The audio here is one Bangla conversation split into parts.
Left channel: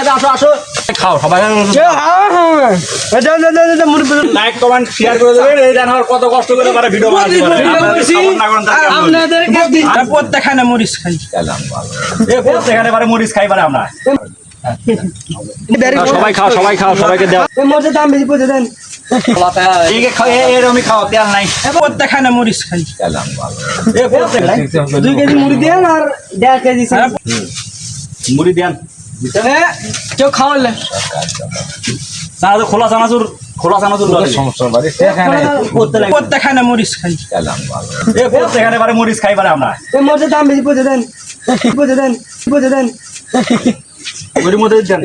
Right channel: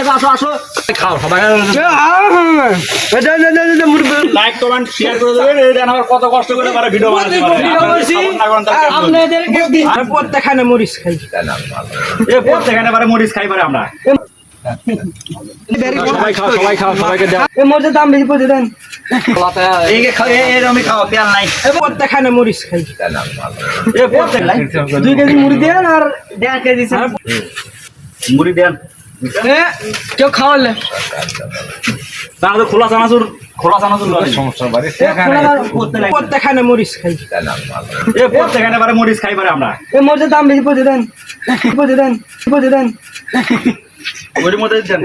খেতে আসো আসো খাও সবাই লাইক কমেন্ট শেয়ার করে দেবেন এই দেন আমার কত কষ্ট করে পারে ভিডিও বানাতে পারে আপনাদেরকে প্রত্যেকখানে মরিচ খাই এই প্রত্যেকখানে পারে মরিচ খাই পারে আমরা সবাই খাও সবাইকে দাও এই মরিচের দাম বেশি পড়ে দেন এই খাও এরকমই খাও তেল নাই প্রত্যেকখানে মরিচ খাই এই প্রত্যেক 2 কেজি মুড়ি দেন আর 1.5 কেজি মুড়ি দেন কেউ খাওয়ালে না তো খোলা চানাচুর সমস্যা বাড়ি প্রত্যেকখানে মরিচ খাই এই প্রত্যেকখানে পারে মরিচ খাই পারে আমরা এই মরিচের দাম বেশি পড়ে দেন ওইটার মধ্যে দেন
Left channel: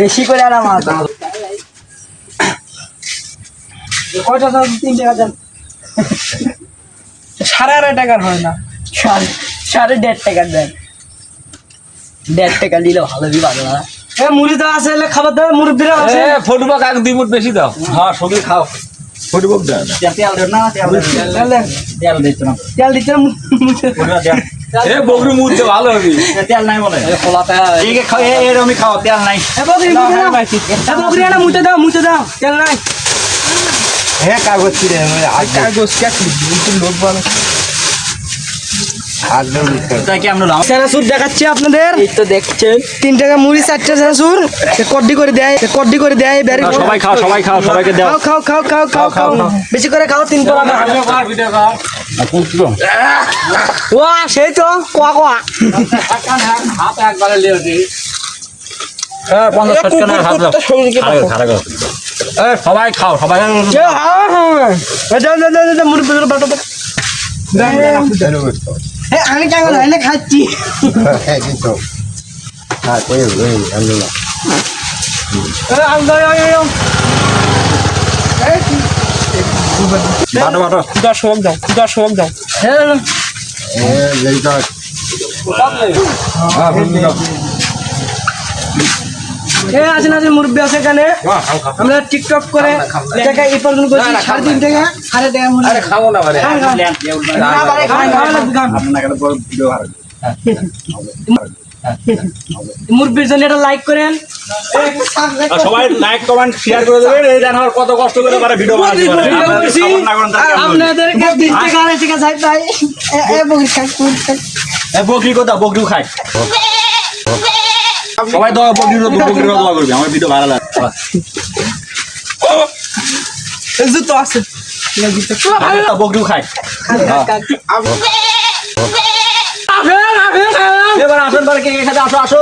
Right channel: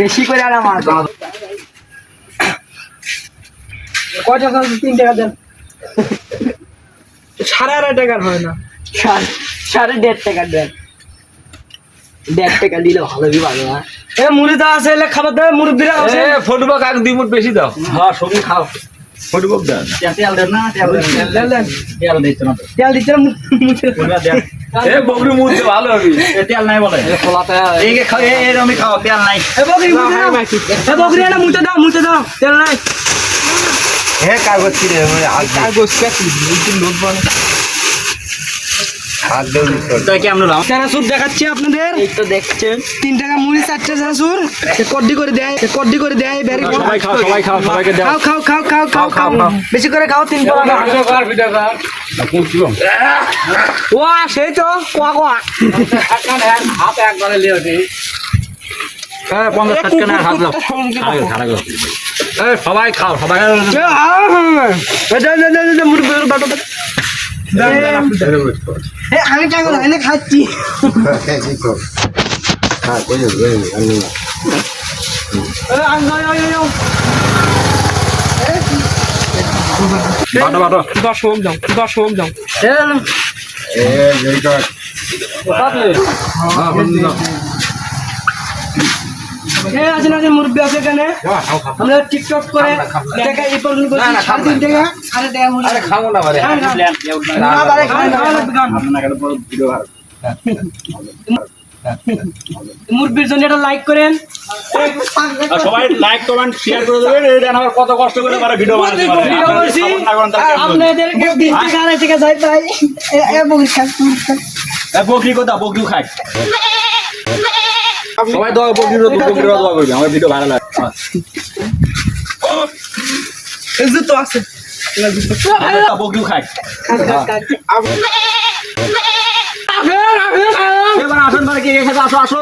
বেশি করে আর আমার কয়টা 3 টাকা দেন 8.5 টাকার হয় না 1.5 টাকা দেন 1.5 টাকা দিলে ভালো দিবাগে না এ মুড়ি দাও আছে এলে খাবার দাও মুরব্বিরা আছে ফুটবল কাক দিমুট বেশি দাও হ্যাঁ সবই খাও ফুটবল দাও তেল দেন না তেল দিতে না তেল দিতে ওটা দেন এ বগরি মুড়তে ভালো হবে তেল নাই বলে এই খাও এরকমই খাও তেল নাই বকরি না মুতে দাও তেল নাই হে কাগজ কি রে কাগজ কি লোক বলে হাত দেও এটা কি আমরা চানাচুর দেখাচ্ছি আপনাদের এই তো দেখছেন 3 টাকা মুড়ি 4টা চানাচুর কড্ডি করে দেয় ব্যারি সবাই খাও সবাইকে দাও খাও বেশি করে খাও 3 টাকা ও সেই তো কোয়া হাতে একবারে লিয়ে দি হ্যাঁ 50 60 টাকা হাত দাও সবাই খাও সবাই মুড়ি বাটো আমি টাকা না খাচ্ছি হ্যাঁ কই ওই আল্লাহ বাটো 10 হোক দাও এই যেই কাজ হ্যাঁ বন্ধু দাও আছে মুরব্বী আছে এখানে আমরা টিকটক করে টাকা এই পর্যন্ত করছি 3.5 টাকা আরে দেয় মুরব্বী আরে খাবো না বারে মুরব্বীর জন্য এটা লাইক করেন সবাই লাইক কমেন্ট শেয়ার করে দেবেন এই দেন আমার কত কষ্ট করে পারে ভিডিও বানাতে পারে আপনাদেরকে 3 টাকা 2.5 টাকা চাই ভাই এ বকরি খাই বকরি কথা বকরি খাই সবাই দোয়া বকরির দোয়া করবে আমার ভিডিও ভালো লাগে জুতো আছে বকরি খাই এবার আসেন পরে কে খেতে আসো আসো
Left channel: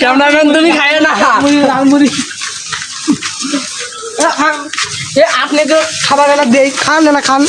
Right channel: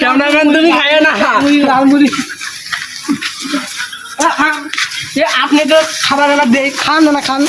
ক্যামেরাম্যান তুমি খায় না আপনি তো খাবার এলা দেই খান না খান